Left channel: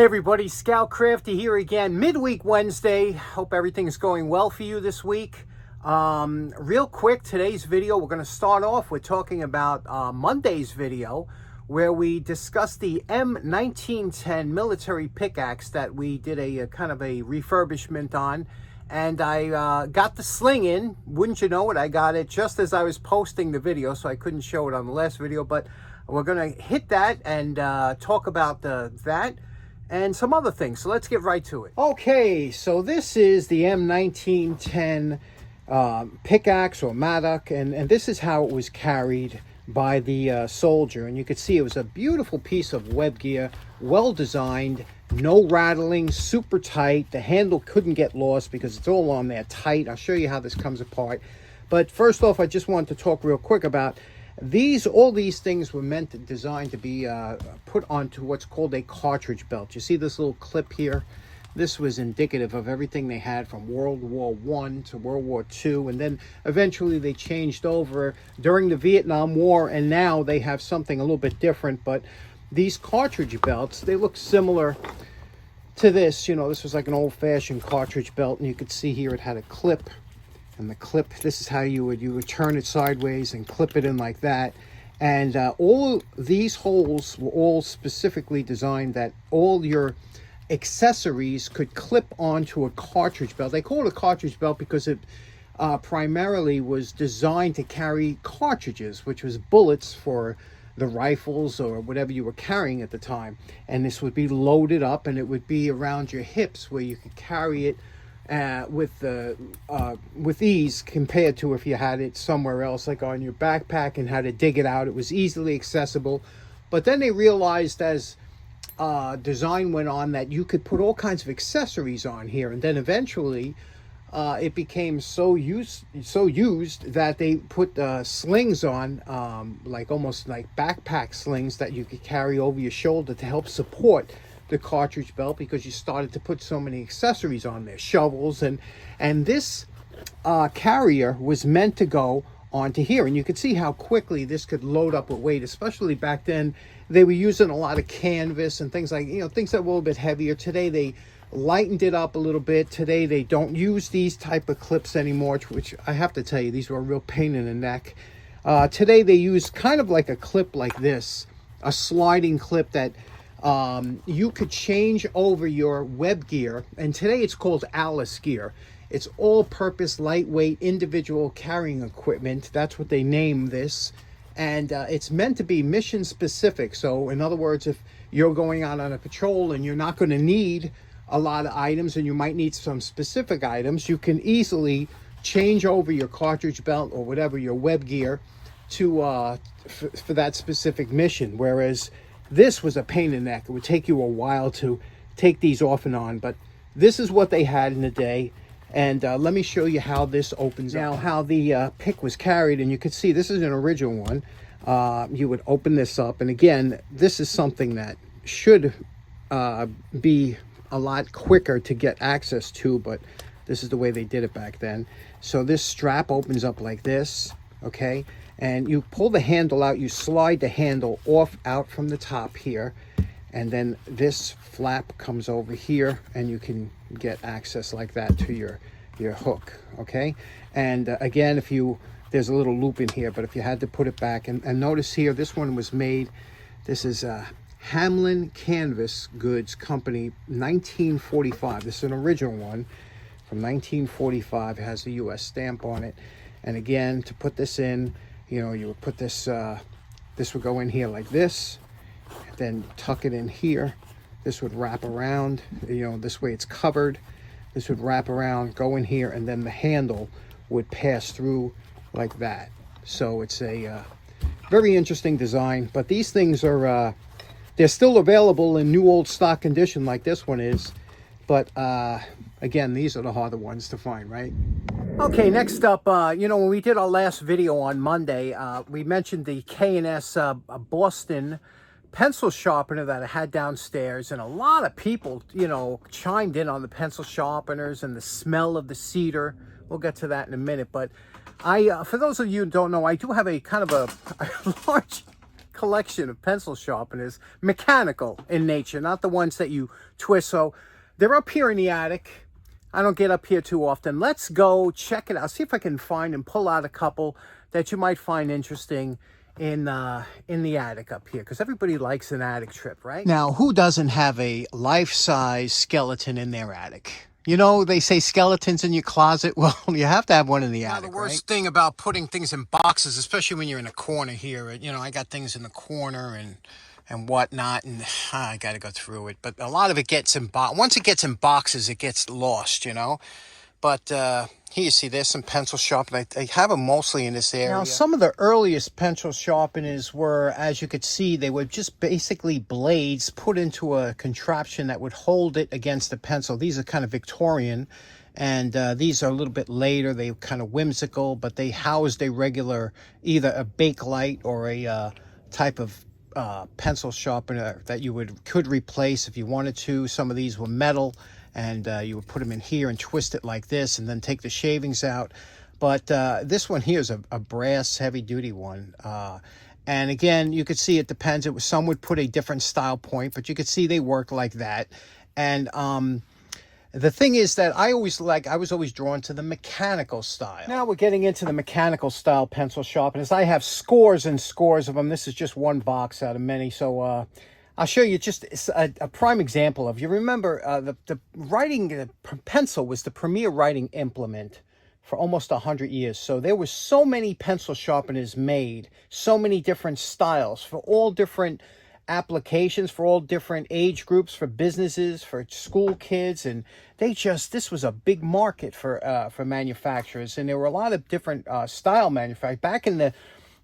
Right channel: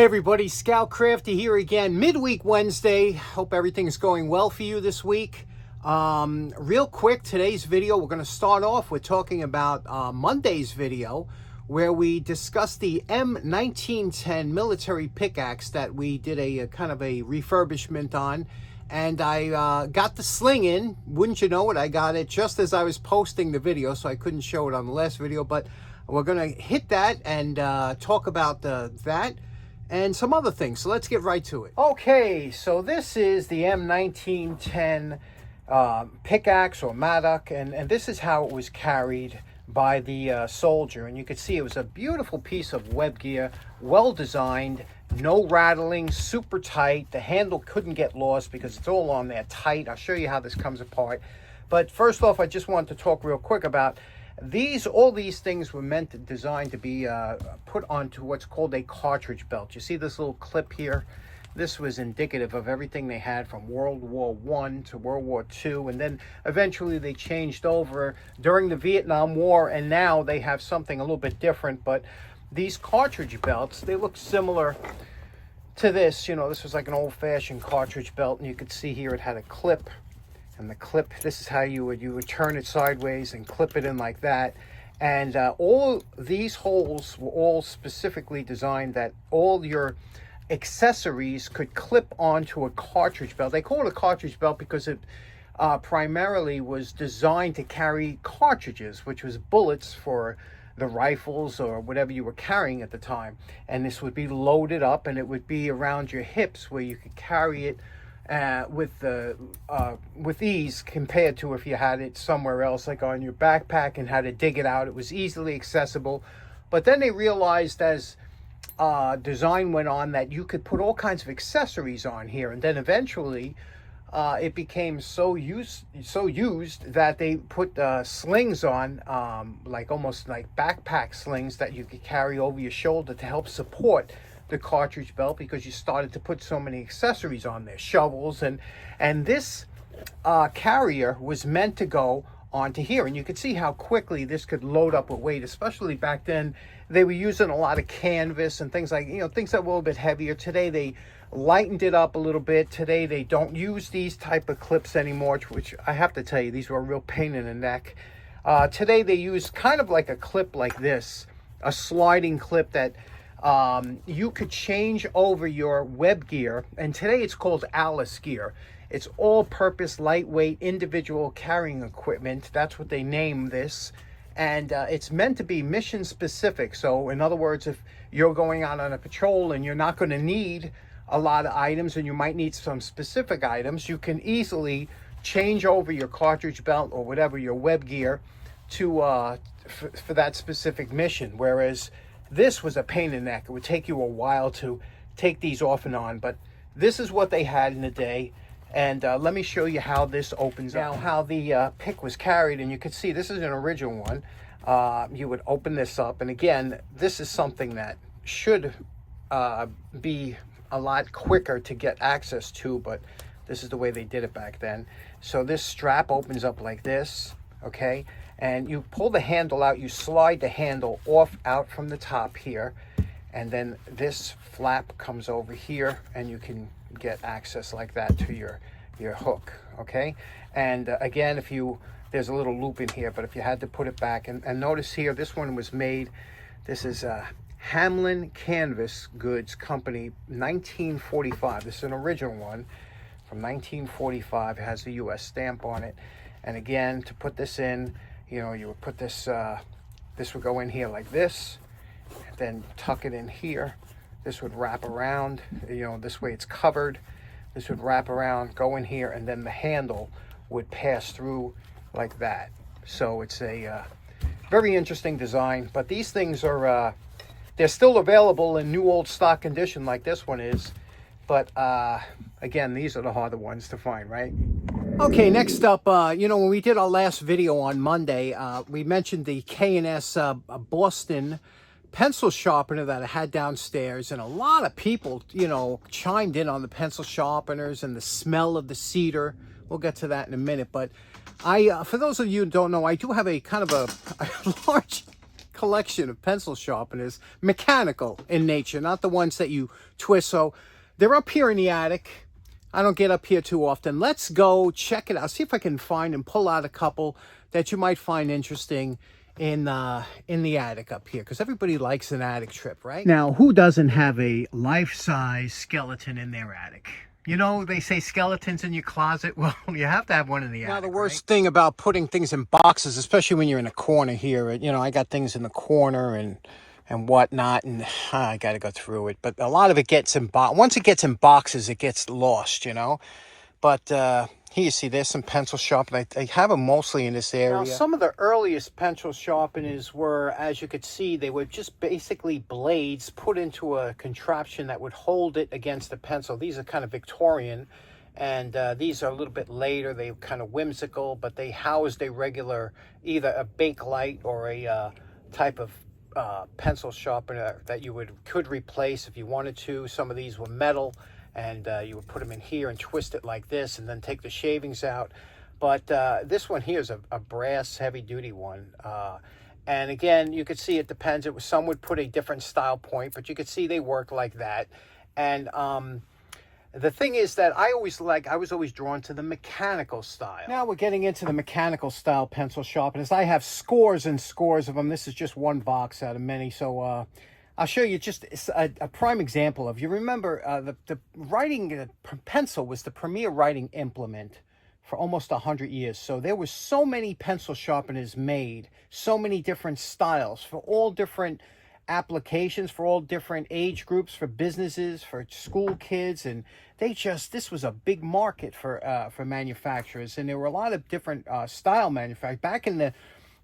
Hey everybody, Scout Crafty here again, midweek Wednesday. Hope everything's going well for you this week. Real quick, today's video, we're going to start off with talking about Monday's video, where we discussed the M1910 military pickaxe that we did a kind of a refurbishment on. And I got the sling in. Wouldn't you know it, I got it just as I was posting the video, so I couldn't show it on the last video. But we're going to hit that and talk about that and some other things. So let's get right to it. Okay, so this is the M1910 pickaxe or mattock, and this is how it was carried by the soldier. And you can see it was a beautiful piece of web gear, well designed, no rattling, super tight. The handle couldn't get lost because it's all on there tight. I'll show you how this comes apart. But first off, I just wanted to talk real quick about all these things were designed to be put onto what's called a cartridge belt. You see this little clip here? This was indicative of everything they had from World War I to World War II, and then eventually they changed over during the Vietnam War, and now they have something a little bit different. But these cartridge belts, they look similar to this. You know, this was like an old-fashioned cartridge belt, and you could see here it had a clip. And the clip, this is how you would turn it sideways and clip it in like that. And all these holes were all specifically designed that all your accessories could clip onto a cartridge belt. They call it a cartridge belt because it primarily was designed to carry cartridges, which was bullets for the rifles or whatever you were carrying at the time. And this would be loaded up, and it would be around your hips where you could carry it with ease, compared to if you had it somewhere else, like on your backpack, and had to dig it out. It was easily accessible. But then they realized as design went on that you could put all kinds of accessories on here, and then eventually it became so used that they put slings on, like almost like backpack slings that you could carry over your shoulder to help support the cartridge belt, because you started to put so many accessories on there, shovels, and this carrier was meant to go onto here. And you could see how quickly this could load up with weight, especially back then. They were using a lot of canvas and things like, things that were a little bit heavier. Today they lightened it up a little bit. Today they don't use these type of clips anymore, which I have to tell you, these were a real pain in the neck. Today they use kind of like a clip like this, a sliding clip that you could change over your web gear. And today it's called Alice gear. It's all-purpose, lightweight, individual carrying equipment. That's what they name this. And it's meant to be mission specific. So in other words, if you're going out on a patrol and you're not going to need a lot of items, and you might need some specific items, you can easily change over your cartridge belt or whatever, your web gear, to for that specific mission. Whereas this was a pain in the neck. It would take you a while to take these off and on, but this is what they had in the day. And let me show you how this opens up. Now, how the pick was carried, and you can see this is an original one. You would open this up, and again, this is something that should be a lot quicker to get access to, but this is the way they did it back then. So this strap opens up like this, okay? And you pull the handle out, you slide the handle out from the top here, and then this flap comes over here, and you can get access like that to your hook, okay? And again, there's a little loop in here, but if you had to put it back, and notice here, this one was made, this is Hamlin Canvas Goods Company, 1945. This is an original one from 1945. It has the U.S. stamp on it. And again, to put this in, you would put this, this would go in here like this, then tuck it in here. This would wrap around, this way it's covered. This would wrap around, go in here, and then the handle would pass through like that. So it's a very interesting design, but these things are, they're still available in new old stock condition like this one is. But again, these are the harder ones to find, right? Okay, next up, when we did our last video on Monday, we mentioned the K&S Boston pencil sharpener that I had downstairs, and a lot of people, chimed in on the pencil sharpeners and the smell of the cedar. We'll get to that in a minute, but for those of you who don't know, I do have a kind of a large collection of pencil sharpeners, mechanical in nature, not the ones that you twist. So they're up here in the attic. I don't get up here too often. Let's go check it out. See if I can find and pull out a couple that you might find interesting in the attic up here, because everybody likes an attic trip, right? Now, who doesn't have a life-size skeleton in their attic? You know, they say skeletons in your closet. Well, you have to have one in the attic. Now, the worst thing about putting things in boxes, especially when you're in a corner here, you know, I got things in the corner and whatnot, and I got to go through it. But a lot of it gets in once it gets in boxes, it gets lost, you know. But here you see there's some pencil sharpeners. I have them mostly in this area. Now, some of the earliest pencil sharpeners were, as you could see, they were just basically blades put into a contraption that would hold it against the pencil. These are kind of Victorian, and these are a little bit later. They're kind of whimsical, but they housed a regular, either a Bakelite or a type of pencil sharpener that you could replace if you wanted to. Some of these were metal, and you would put them in here and twist it like this and then take the shavings out. But this one here is a brass heavy-duty one. And again, you could see it depends. Some would put a different style point, but you could see they work like that. And the thing is that I was always drawn to the mechanical style. Now we're getting into the mechanical style pencil sharpeners. I have scores and scores of them. This is just one box out of many. So I'll show you just a prime example of, you remember the writing pencil was the premier writing implement for almost 100 years. So there were so many pencil sharpeners made, so many different styles for all different applications, for all different age groups, for businesses, for school kids, and this was a big market for manufacturers. And there were a lot of different style manufacturers. Back in the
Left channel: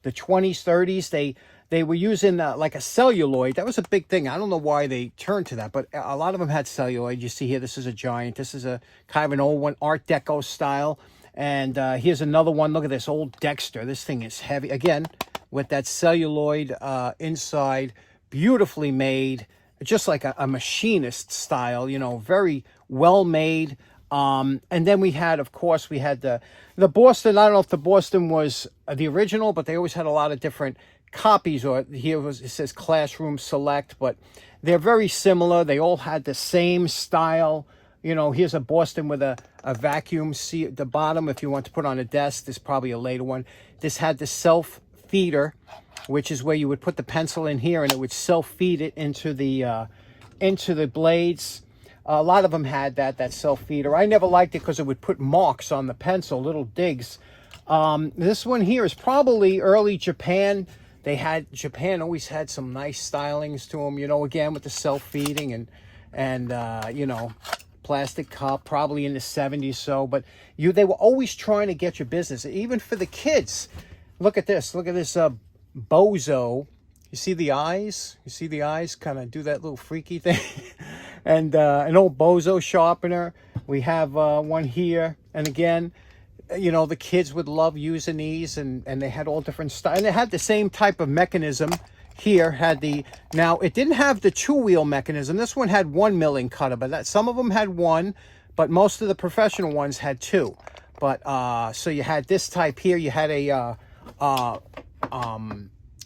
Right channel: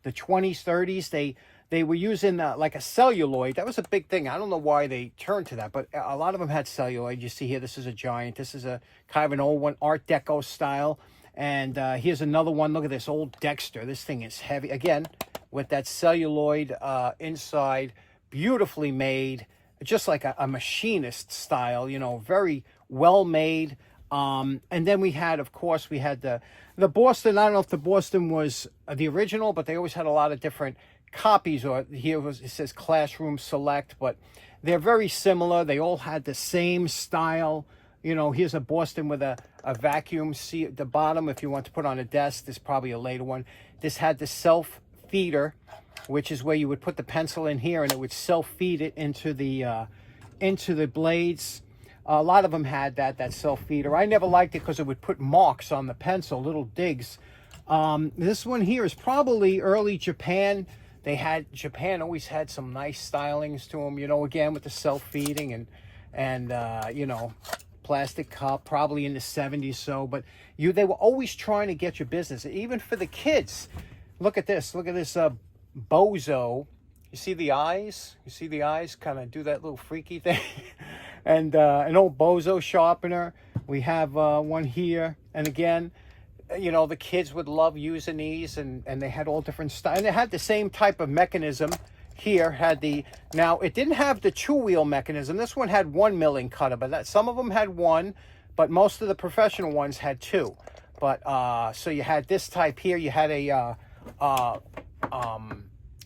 20s, 30s, they were using like a celluloid. That was a big thing. I don't know why they turned to that, but a lot of them had celluloid. You see here, this is a giant. This is a kind of an old one, Art Deco style. And here's another one. Look at this old Dexter. This thing is heavy. Again, with that celluloid inside, beautifully made, just like a machinist style, you know, very well made. And then we had, of course, we had the Boston. I don't know if the Boston was the original, but they always had a lot of different copies, or it says Classroom Select, but they're very similar. They all had the same style. You know, here's a Boston with a vacuum seat at the bottom if you want to put on a desk. This is probably a later one. This had the self feeder, which is where you would put the pencil in here and it would self feed it into the blades. A lot of them had that self feeder. I never liked it because it would put marks on the pencil, little digs. This one here is probably early Japan. Japan always had some nice stylings to them, you know, again with the self-feeding and you know, plastic cup, probably in the 70s. So, but they were always trying to get your business, even for the kids. Look at this bozo. You see the eyes? You see the eyes kind of do that little freaky thing? And an old bozo sharpener. We have one here, and again, you know, the kids would love using these, and they had all different styles. And they had the same type of mechanism here. Now it didn't have the 2-wheel mechanism. This one had 1 milling cutter, but some of them had 1, but most of the professional ones had 2. But so you had this type here. You had a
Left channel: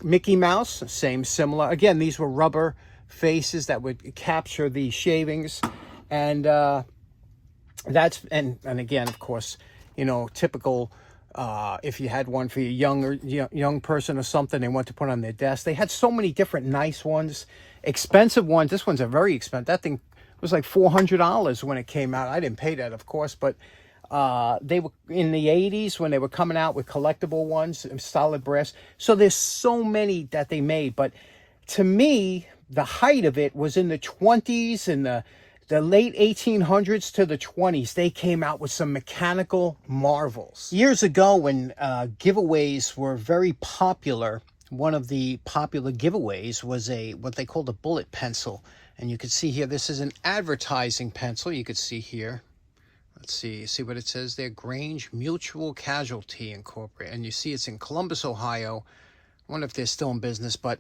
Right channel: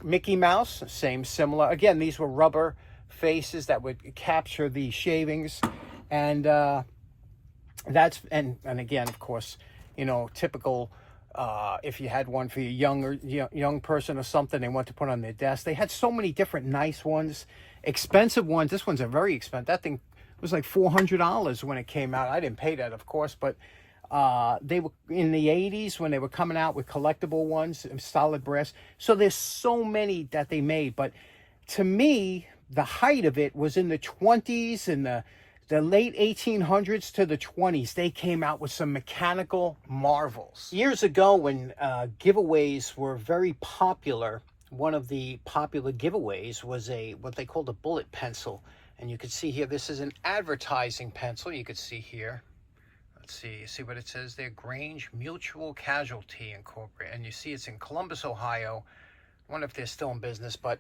Mickey Mouse, similar. Again, these were rubber faces that would capture the shavings, and that's and again, of course, you know, typical. If you had one for your young person or something, they want to put on their desk. They had so many different nice ones, expensive ones. This one's a very expensive. That thing was like $400 when it came out. I didn't pay that, of course, but they were in the 80s when they were coming out with collectible ones, solid brass. So there's so many that they made, but to me, the height of it was in the 20s and the late 1800s to the 20s. They came out with some mechanical marvels. Years ago, when giveaways were very popular, one of the popular giveaways was what they called a bullet pencil. And you can see here, this is an advertising pencil. You could see here. Let's see what it says there. Grange Mutual Casualty Incorporated. And you see it's in Columbus, Ohio. I wonder if they're still in business, but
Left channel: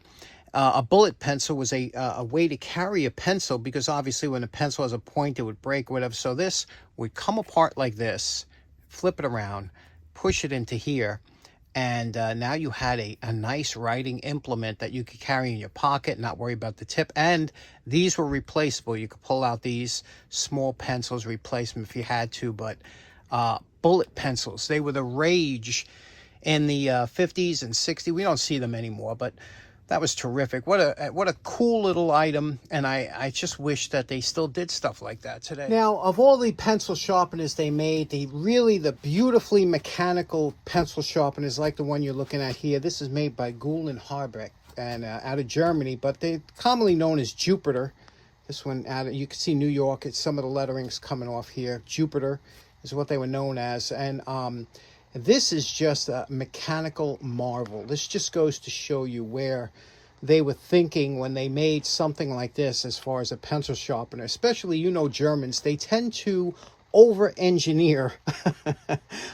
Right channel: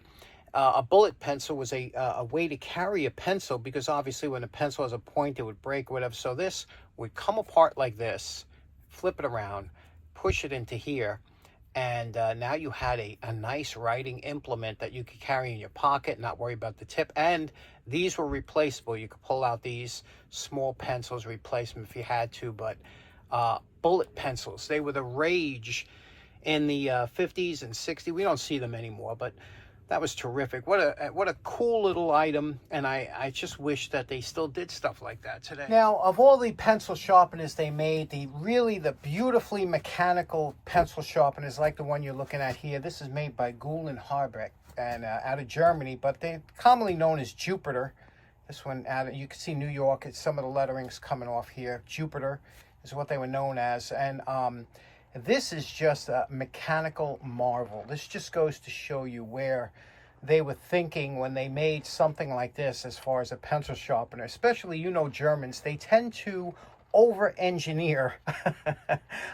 a bullet pencil was a way to carry a pencil, because obviously when a pencil has a point, it would break or whatever. So this would come apart like this, flip it around, push it into here, And now you had a nice writing implement that you could carry in your pocket, not worry about the tip. And these were replaceable. You could pull out these small pencils, replace them if you had to. But bullet pencils, they were the rage in the 50s and 60s. We don't see them anymore, but that was terrific. What a cool little item, and I just wish that they still did stuff like that today. Now, of all the pencil sharpeners they made, the beautifully mechanical pencil sharpeners like the one you're looking at here, this is made by Gould and Harbeck, and out of Germany, but they're commonly known as Jupiter. This one, you can see New York, it's some of the lettering's coming off here. Jupiter is what they were known as, and this is just a mechanical marvel. This just goes to show you where they were thinking when they made something like this as far as a pencil sharpener. Especially, you know, Germans, they tend to over-engineer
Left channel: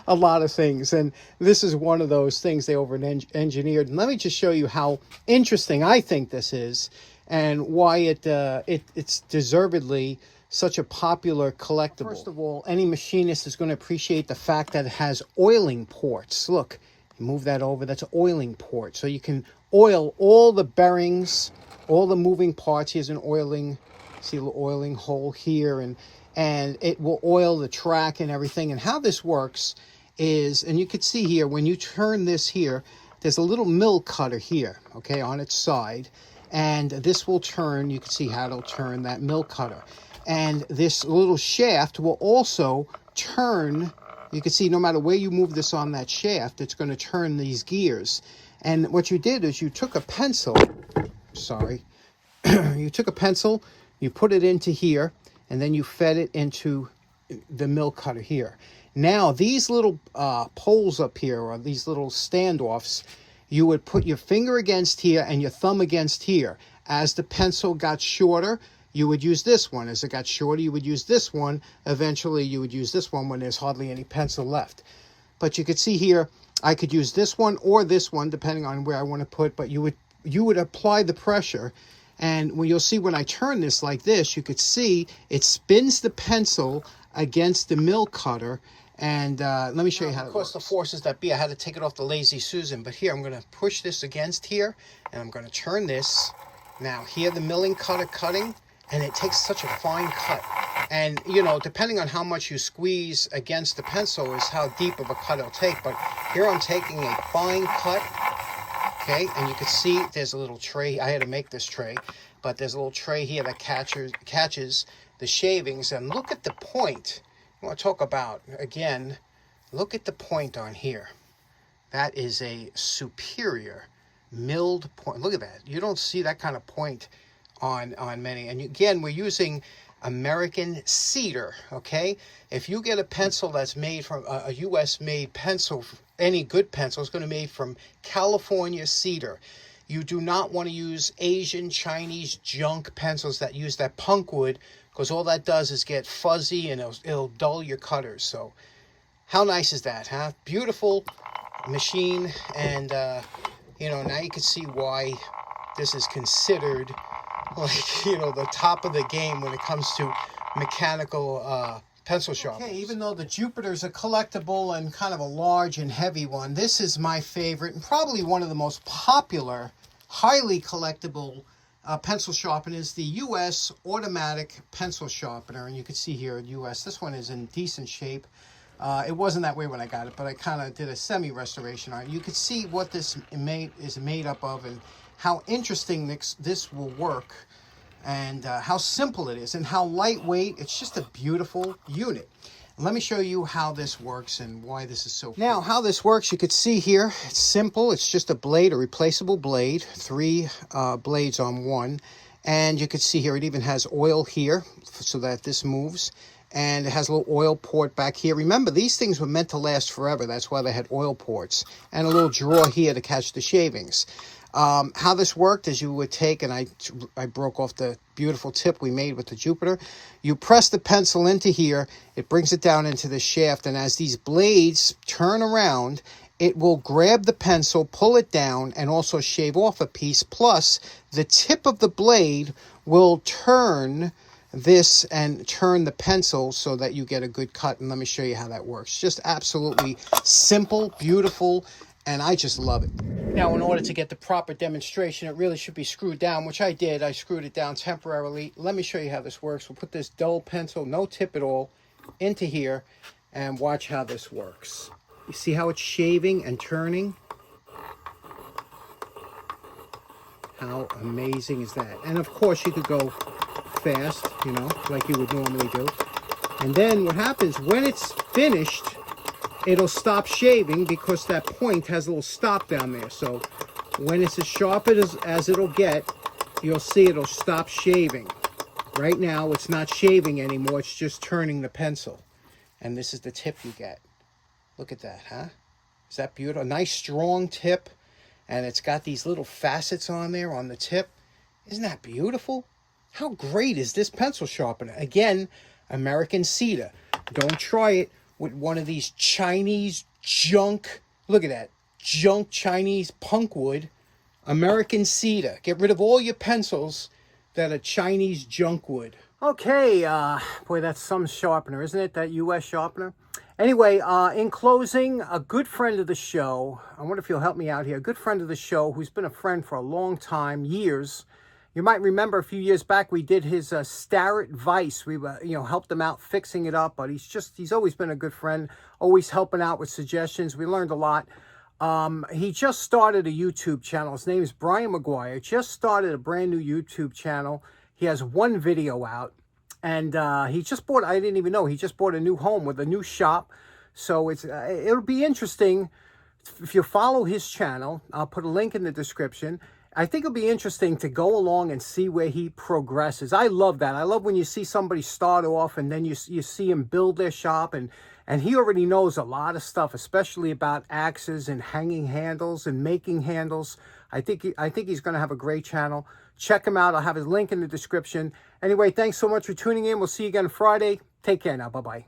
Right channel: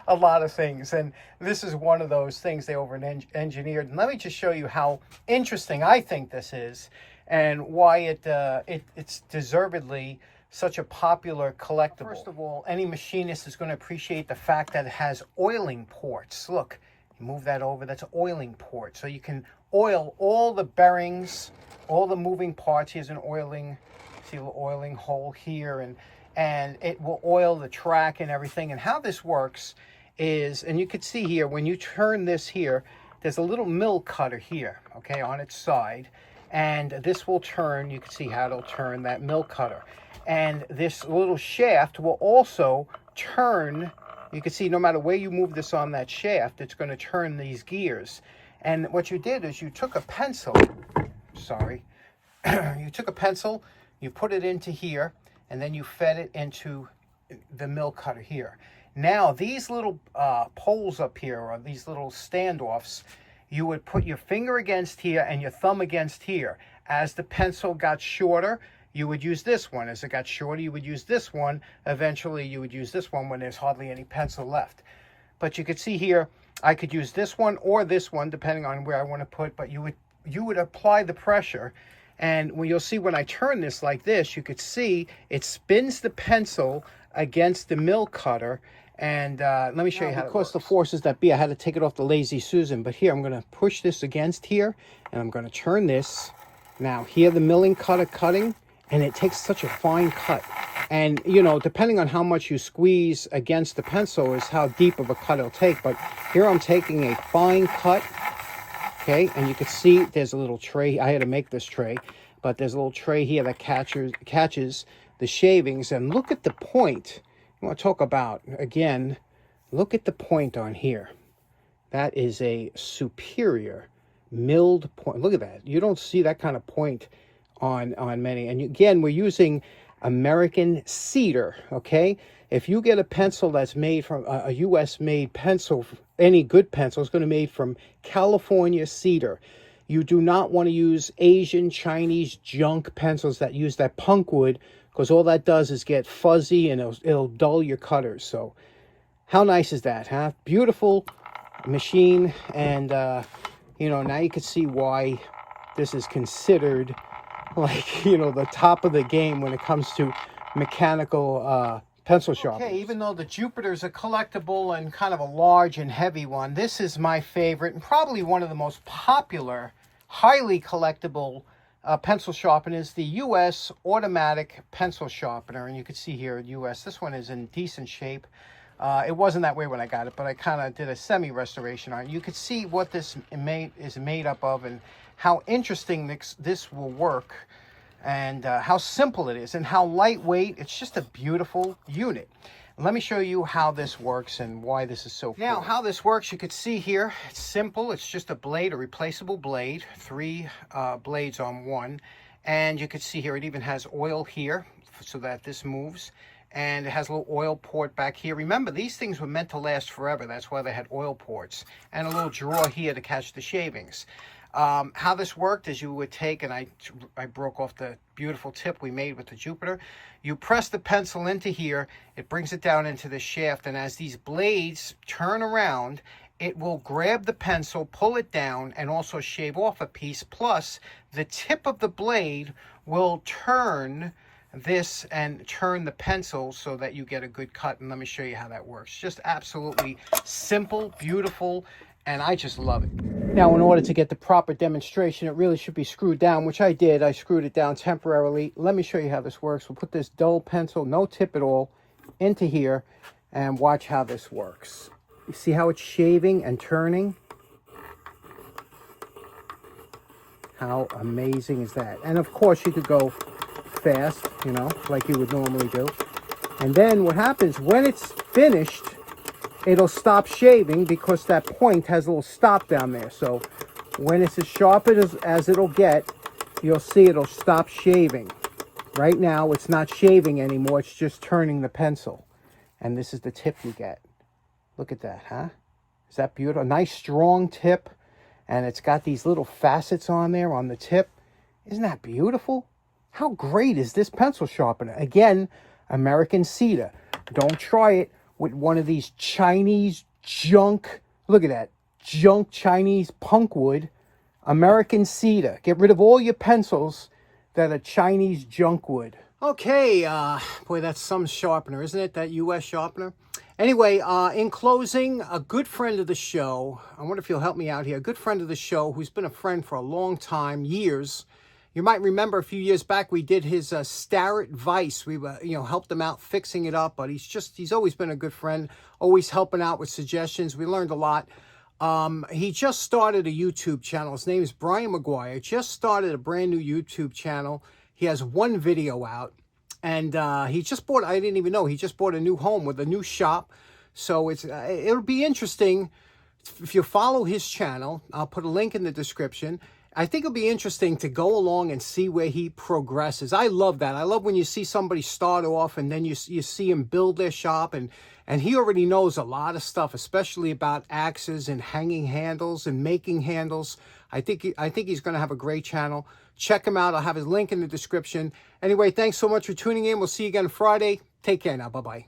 a lot of things. And this is one of those things they over-engineered. And let me just show you how interesting I think this is and why it's deservedly such a popular collectible. First of all, any machinist is going to appreciate the fact that it has oiling ports. Look, you move that over, that's an oiling port. So you can oil all the bearings, all the moving parts. Here's an oiling, see a little oiling hole here, and it will oil the track and everything. And how this works is, and you can see here, when you turn this here, there's a little mill cutter here, okay, on its side. And this will turn, you can see how it'll turn that mill cutter. And this little shaft will also turn, you can see no matter where you move this on that shaft, it's going to turn these gears. And what you did is you took a pencil, you took a pencil, you put it into here, and then you fed it into the mill cutter here. Now, these little poles up here, or these little standoffs, you would put your finger against here and your thumb against here. As the pencil got shorter, you would use this one. As it got shorter, you would use this one. Eventually, you would use this one when there's hardly any pencil left. But you could see here, I could use this one or this one, depending on where I want to put, but you would apply the pressure. And when you'll see when I turn this like this, you could see it spins the pencil against the mill cutter. And let me show you how it works. Of course, the forces that be, I had to take it off the Lazy Susan. But here, I'm going to push this against here, and I'm going to turn this. Now, here the milling cutter cutting, and it takes such a fine cut. And, you know, depending on how much you squeeze against the pencil is how deep of a cut it'll take. But here I'm taking a fine cut, okay? And you can see there's a little tray. I had to make this tray. But there's a little tray here that catches the shavings. And look at the point. I want to talk about, again, look at the point on here. That is a superior milled point. Look at that. You don't see that kind of point on many. And again, we're using American cedar, okay? If you get a pencil that's made from a U.S. made pencil, any good pencil is going to be made from California cedar. You do not want to use Asian, Chinese junk pencils that use that punk wood, because all that does is get fuzzy and it'll dull your cutters. So how nice is that, huh? Beautiful machine. And, you know, now you can see why this is considered like, you know, the top of the game when it comes to mechanical pencil sharpeners. Okay, even though the Jupiter's a collectible and kind of a large and heavy one, this is my favorite and probably one of the most popular, highly collectible pencil sharpeners, the U.S. automatic pencil sharpener. And you can see here, U.S., this one is in decent shape. It wasn't that way when I got it, but I kind of did a semi-restoration on it. You could see what this is made up of and how interesting this will work, and how simple it is and how lightweight. It's just a beautiful unit. Let me show you how this works and why this is so cool. Now, how this works, you can see here, it's simple. It's just a blade, a replaceable blade, 3 blades on one. And you can see here, it even has oil here so that this moves. And it has a little oil port back here. Remember, these things were meant to last forever. That's why they had oil ports. And a little drawer here to catch the shavings. How this worked is you would take, and I broke off the beautiful tip we made with the Jupiter. You press the pencil into here, it brings it down into the shaft, and as these blades turn around, it will grab the pencil, pull it down, and also shave off a piece. Plus, the tip of the blade will turn this and turn the pencil so that you get a good cut. And let me show you how that works. Just absolutely simple, beautiful, and I just love it. Now, in order to get the proper demonstration, it really should be screwed down, which I did. I screwed it down temporarily. Let me show you how this works. We'll put this dull pencil, no tip at all, into here, and watch how this works. You see how it's shaving and turning? How amazing is that? And of course, you could go fast, you know, like you would normally do. And then what happens, when it's finished, it'll stop shaving because that point has a little stop down there. So when it's as sharp as it'll get, you'll see it'll stop shaving. Right now, it's not shaving anymore. It's just turning the pencil. And this is the tip you get. Look at that, huh? Is that beautiful? A nice strong tip. And it's got these little facets on there on the tip. Isn't that beautiful? How great is this pencil sharpener? Again, American cedar. Don't try it with one of these Chinese junk. Look at that. Junk Chinese punk wood. American cedar. Get rid of all your pencils that are Chinese junk wood. Okay, boy, that's some sharpener, isn't it? That U.S. sharpener. Anyway, in closing, a good friend of the show, I wonder if you'll help me out here, a good friend of the show who's been a friend for a long time, years. You might remember a few years back we did his Starrett Vice. We helped him out fixing it up, but he's always been a good friend, always helping out with suggestions. We learned a lot. He just started a YouTube channel. His name is Brian McGuire. Just started a brand new YouTube channel. He has one video out. And he just bought, I didn't even know, he just bought a new home with a new shop. So it'll be interesting if you follow his channel. I'll put a link in the description. I think it'll be interesting to go along and see where he progresses. I love that. I love when you see somebody start off and then you see him build their shop. And he already knows a lot of stuff, especially about axes and hanging handles and making handles. I think he's going to have a great channel. Check him out. I'll have his link in the description. Anyway, thanks so much for tuning in. We'll see you again Friday. Take care now. Bye-bye.